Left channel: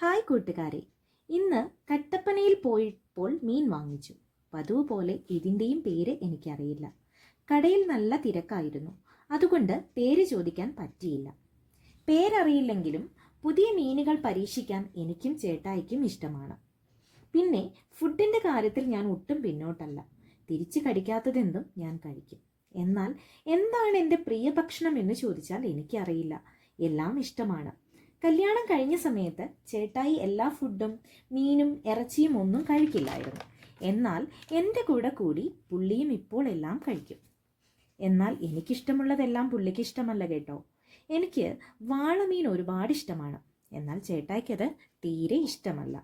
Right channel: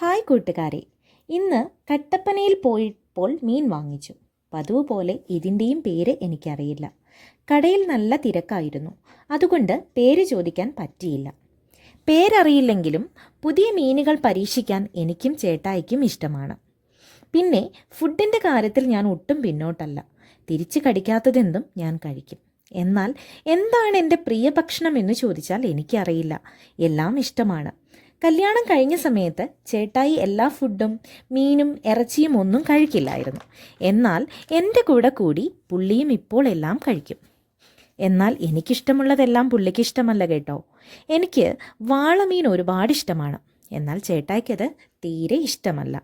Hi കൂട്ടുകാരെ, ഇന്ന് കട്ടപ്പനയിൽ പോയപ്പോൾ മീൻ വാങ്ങിച്ചു. പതിവ് പോലെ ഇതിൻ്റെയും പേര് എനിക്കറിയില്ല. കടയിൽ നല്ല തിരക്കായിരുന്നു, അതുകൊണ്ട് പേര് ചോദിക്കാൻ പറ്റിയില്ല. പേരറിയില്ലെങ്കിലും പുതിയ മീനുകൾ പരീക്ഷിക്കാൻ എനിക്കും ചേട്ടായിക്കും ഇഷ്ടമാണ്. പിന്നെ ഫുഡിൻ്റെ കാര്യത്തിൽ ഞാൻ ഒട്ടും പിന്നോട്ടല്ല. തിരിച്ച് കടിക്കാത്തതെന്തും ഞാൻ കഴിക്കും. എന്നാൽ എന്താണ് എൻ്റെ പ്രിയ ഭക്ഷണം എന്ന് ചോദിച്ചാൽ എനിക്കറിയില്ല. എല്ലാം ഇഷ്ടമാണ്. കല്യാണം കഴിഞ്ഞ സമയത്ത് ചേട്ടായി എല്ലാ ഫുഡും മീനും ഇറച്ചിയും ഒന്നും കഴിക്കില്ലായിരുന്നു. എന്നാൽ എൻ്റെ കൂടെ കൂടി പുള്ളിയും ഇപ്പോൾ എല്ലാം കഴിക്കും. എന്നാൽ എനിക്കിഷ്ടമുള്ളതെല്ലാം പുള്ളിക്ക് ഇഷ്ടമല്ല കേട്ടോ. എനിക്ക് വാളമീൻ ഒരുപാട് ഇഷ്ടമാണ്. എന്നാൽ ചേട്ടായിക്കത് തീരെ ഇഷ്ടമല്ല.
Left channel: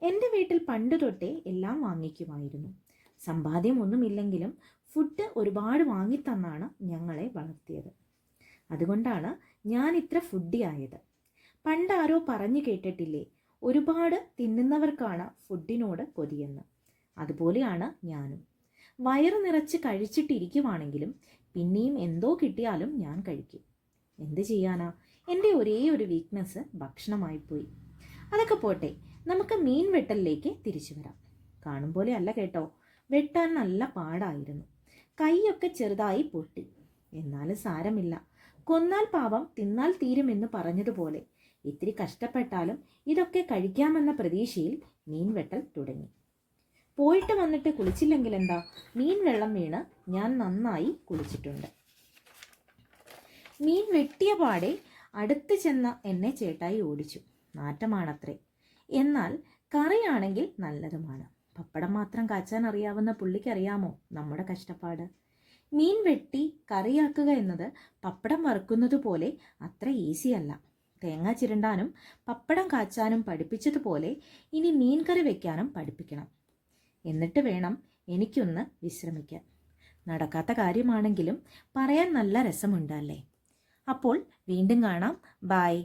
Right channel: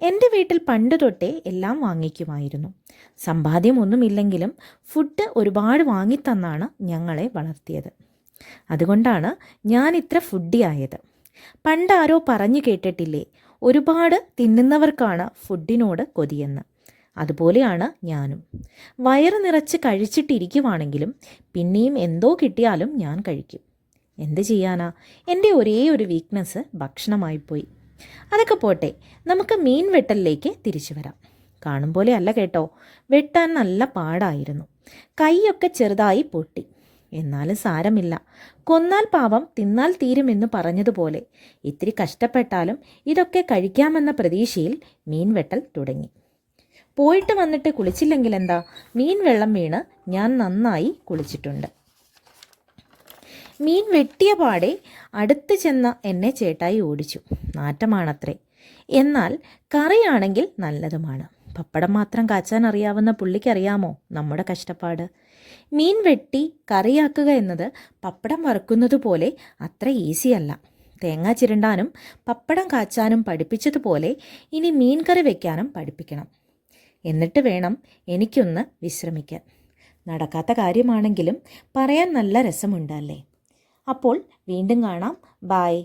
എൻ്റെ വീട്ടിൽ പണ്ട് തൊട്ടേ എല്ലാം വാങ്ങിക്കുമായിരുന്നു. സമ്പാദ്യമൊന്നുമില്ലെങ്കിലും ഫുഡ് ഒരുപാട് വാങ്ങിത്തന്നാണ് ഞങ്ങളെ വളർത്തിയത്. അതുകൊണ്ടാണ് ഞാൻ ഇത്ര ഫുഡിയായത്. പണ്ടാരോ പറഞ്ഞു കേട്ടിട്ടില്ലേ, ഒരുപാട് തിന്നുന്നവർക്കാണ് ഫുഡിനോട് കൊതിയെന്ന്. അതുപോലെയാണ് ഞാനും. വയറ് നിറച്ച് കഴിച്ചിട്ടിരിക്കുവാണെങ്കിലും പിന്നെയും എന്തോ കിട്ടിയാലും ഞാൻ കഴിക്കും. എന്ത് ചെയ്യാനാ, എൻ്റെ ഒരേ ഒരു വീക്ക്നെസ് ഭക്ഷണമായിപ്പോയി. അതൊക്കെ പോട്ടെ, നമുക്ക് മീൻ വെട്ടലിലേക്ക് തിരിച്ചു വരാം. കാണും പോലെ അല്ല കേട്ടോ, വെട്ടാൻ നല്ല പാടായിരുന്നു. കൈയൊക്കെ ചെറുതായി പൊട്ടി. എന്നാലും സാരമില്ല, കൊന്നാൽ പാവം തിന്നാൽ തീരുമെന്ന് പറഞ്ഞതുപോലെ ഇത്തിരി കഷ്ടപ്പെട്ടാലും ഇതൊക്കെ കഴിക്കാമെന്ന പ്രതീക്ഷയിൽ മീൻ വെട്ടൽ തുടങ്ങി. പോയിട്ട് വന്നിട്ട് കുളിച്ചില്ലെങ്കിൽ എന്താ, മീൻ വെള്ളം വീണ് ഞാൻ നന്നായി കുളിച്ചിട്ടുണ്ട്. മീൻ വെട്ടിയ പാടെ അടുത്ത് ചെന്ന എന്നെ ചേട്ടായി ഓടിച്ചു. നാറ്റമാണത്രേ. എന്നാൽ കറിയാണെങ്കിൽ നല്ലതുമാണ്. പപ്പടം മാത്രം കാച്ചാൻ അറിയാവുന്ന പുള്ളിക്കറിയാമോ നമ്മുടെ കഷ്ടപ്പാട്? മീൻ വെട്ടി കറിയാക്കുക എന്നത് പപ്പടം വറുക്കുന്നത് പോലെ അത്ര ഈസിയല്ല. തേങ്ങ ചിരണ്ടാനും പപ്പടം കാച്ചാനും പഠിപ്പിച്ചതുപോലെ ഇനി മീൻ കറി വയ്ക്കാനും പഠിപ്പിക്കണം. എന്നിട്ട് വേണം എനിക്കൊന്ന് വിശ്രമിക്കാൻ. നടക്കാത്ത കാര്യമാണെങ്കിലും പറയാൻ നല്ല രസമുണ്ടല്ലേ. അപ്പോൾ വീണ്ടും കാണാം. ബായ്.